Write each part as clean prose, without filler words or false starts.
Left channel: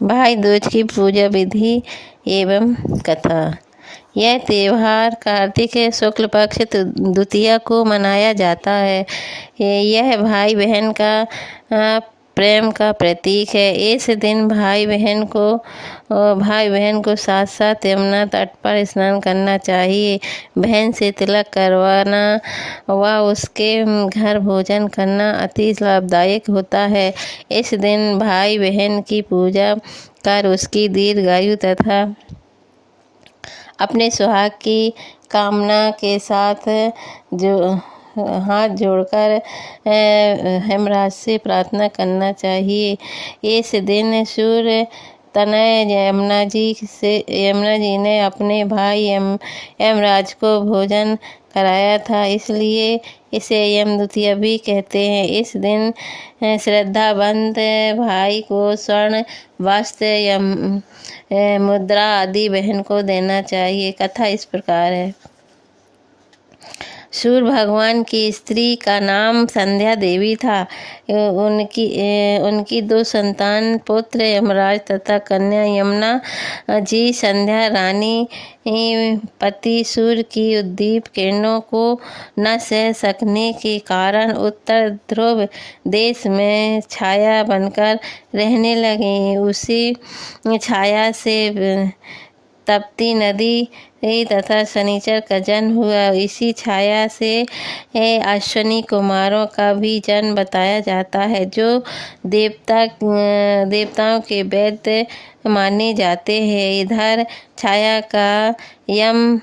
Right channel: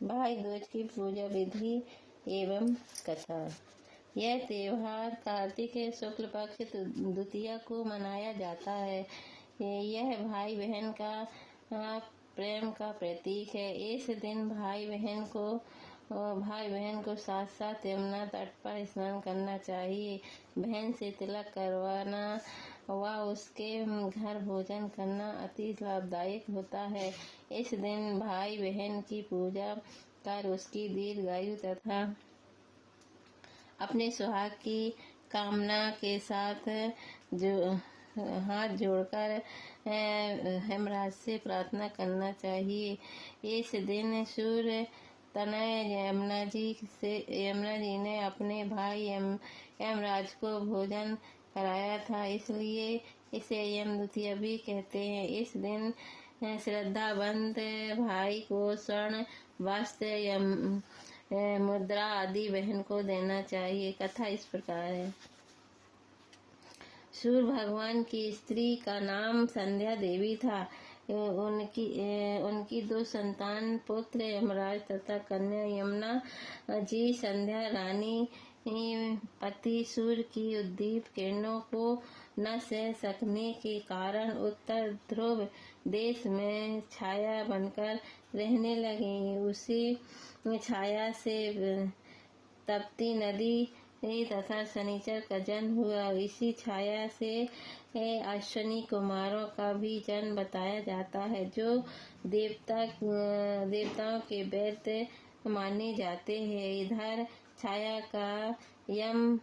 भाई दूज की पूजा विधि एवं कथा। यह त्योहार कार्तिक शुक्ल पक्ष द्वितीया को मनाया जाता है। यह भाई बहन का प्रेम का प्रतीक है। इस दिन भाई बहन को साथ साथ यमुना तट पर स्नान करना चाहिए। बहन से तिलक करवाना व उसके घर भोजन करना अति लाभदायक होता है। इस दिन भाई बहन की पूजा कर उसकी दीर्घायु तथा अपने सुहाग की कामना के साथ जो हाथ जोड़कर हेमराज से प्रार्थना करना चाहिए। इस दिन सूर्य तनय यमुना जी ने अपने भाई यमराज को भोजन कराया था, इसलिए इसे यम द्वितीया भी कहते हैं। इस दिन श्रद्धावंत भाई को स्वर्ण वस्त्र मुद्रा आदि बहन को देना चाहिए। कथा इस प्रकार है। सूर्य भगवान की स्त्री का नाम संध्या देवी था। उनकी दो संतान पुत्र यमराज तथा कन्या यमुना जी। संध्या रानी पति सूर्य की उद्दीप किरणों को न सह सकने के कारण उत्तर ध्रुव देश में छाया बनकर रहने लगी। उसी छाया से तपती नदी तथा शनिचर का जन्म हुआ। इसी छाया से अश्विनी कुमारों का भी जन्म बताया जाता है, जो देवताओं के वैद्य माने जाते हैं। इधर छाया का यम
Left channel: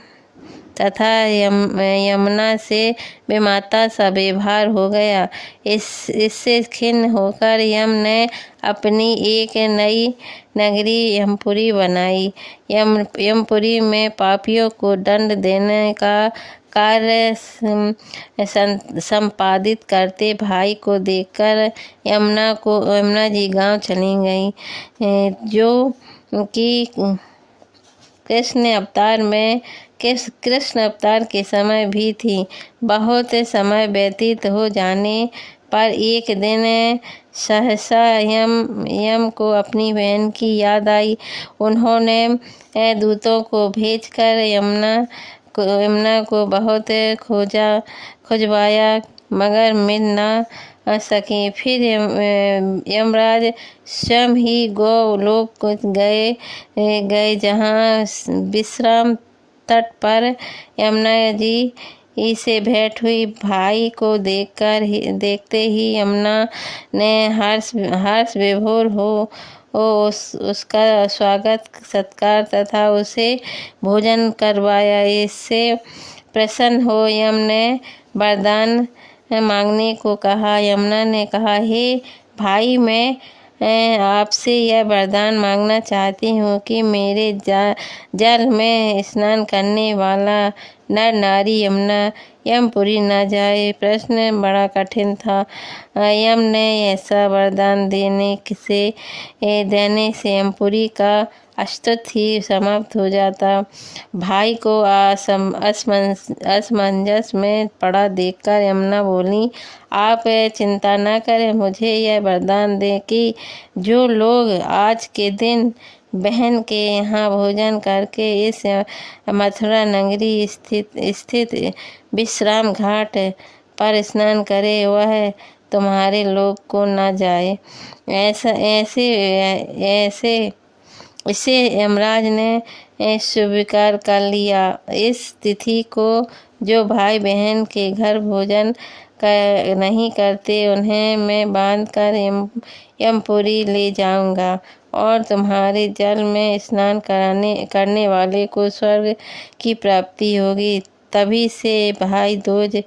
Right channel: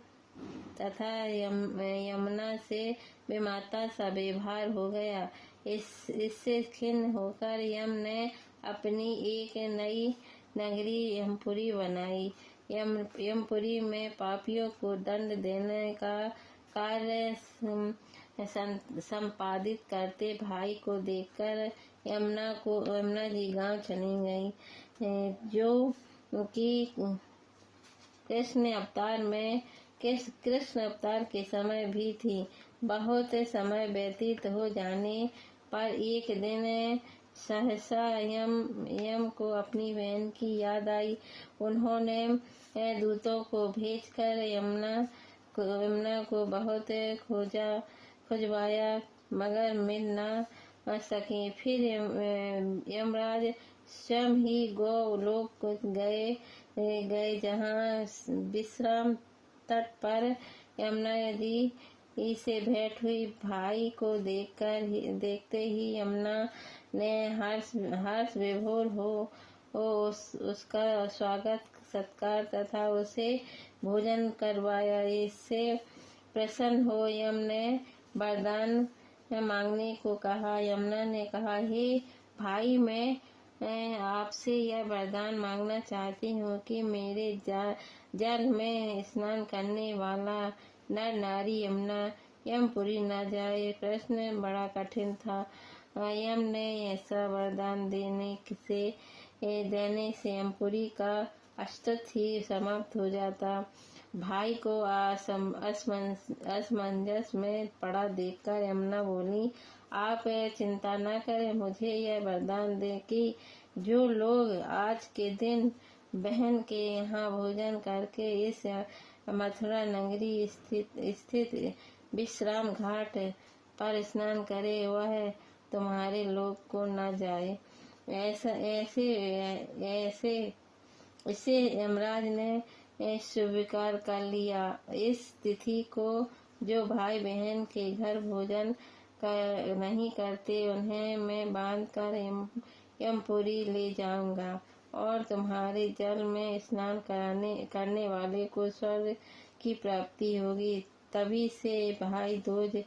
तथा यमुना से बेमाता सा व्यवहार हो गया। इससे खिन्न होकर यम ने अपनी एक नई नगरी यमपुरी बनाई। यमपुरी में पापियों को दंड देने का कार्य संपादित करते भाई को देखकर यमुना जी गांव चली गई, जो कि कृष्ण अवतार के समय भी थी। बहुत समय व्यतीत हो जाने पर एक दिन सहसा यम को अपनी बहन की याद आई। उन्होंने दूतों को भेजकर यमुना को बहुत खोजवाया, मगर मिल न सके। फिर यमराज स्वयं ही गोलोक गए, जहाँ विश्राम तट पर यमुना जी से भेंट हुई। भाई को देखते ही यमुना ने हर्ष विभोर हो उसका स्वागत सत्कार तथा उसे भोजन करवाया। इससे प्रसन्न हो यम ने वरदान मांगने को कहा। यमुना ने कहा, हे भाई, मैं आपसे यह वरदान मांगना चाहती हूँ कि मेरे जल में स्नान करने वाला नर नारी यमपुरी न जाए। प्रश्न बड़ा कठिन था। यम ने ऐसा वरदान देने से यमपुरी का अस्तित्व ही समाप्त हो जाता। भाई को असमंजस में पड़ा देखकर यमुना बोली, आप चिंता न करें, मुझे यह वरदान दें कि जो लोग आज के दिन बहन के यहाँ भोजन करके इस मथुरा नगरी स्थित विश्राम घाट पर स्नान करे, वह तुम्हारे लोक को न जाए। इसे यमराज ने स्वीकार कर लिया। इस तिथि को जो भाई बहन के घर भोजन नहीं करते, उन्हें मैं बांध कर यमपुरी ले जाऊंगा और तुम्हारे जल में स्नान करने वाले को स्वर्ग की प्राप्ति होगी। तभी से भाई दूज